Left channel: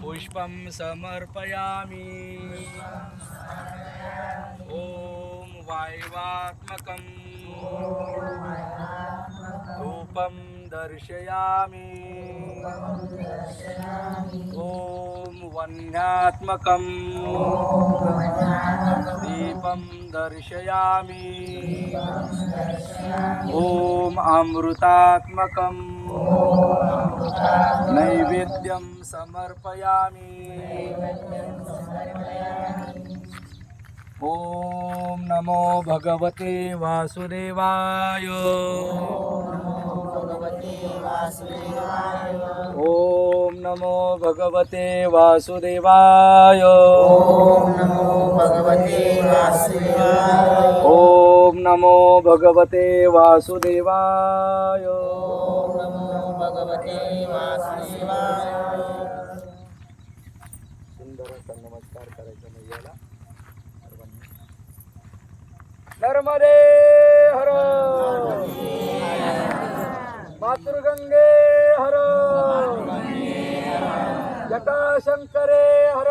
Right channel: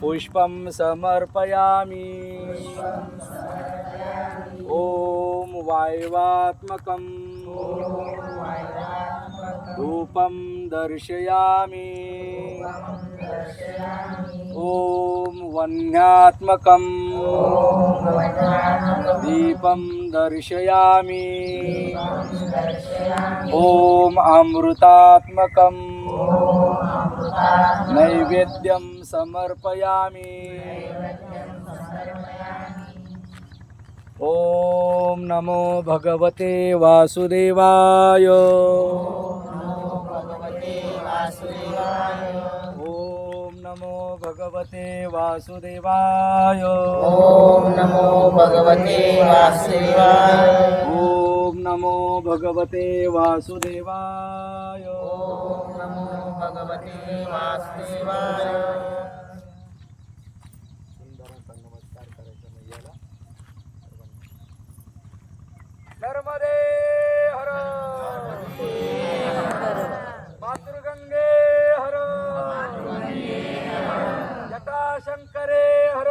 पुष्पं समर्पयामि। ॐ वायवात्मकं धूपं दर्शयामि। ॐ वह्न्यात्मकं दीपं दर्शयामि। ॐ अमृतात्मकं नैवेद्यं समर्पयामि। ॐ नमो भगवते वासुदेवाय। ॐ नमो भगवते वासुदेवाय। ओम नमो भगवते वासुदेवाय। ॐ नमो भगवते वासुदेवाय। ओम नमो भगवते वासुदेवाय। सुंदर असा नमस्कार करायचा मुलग्याला. नर्मदे हर, मातृगंगे हर, जटाशंकरे हर,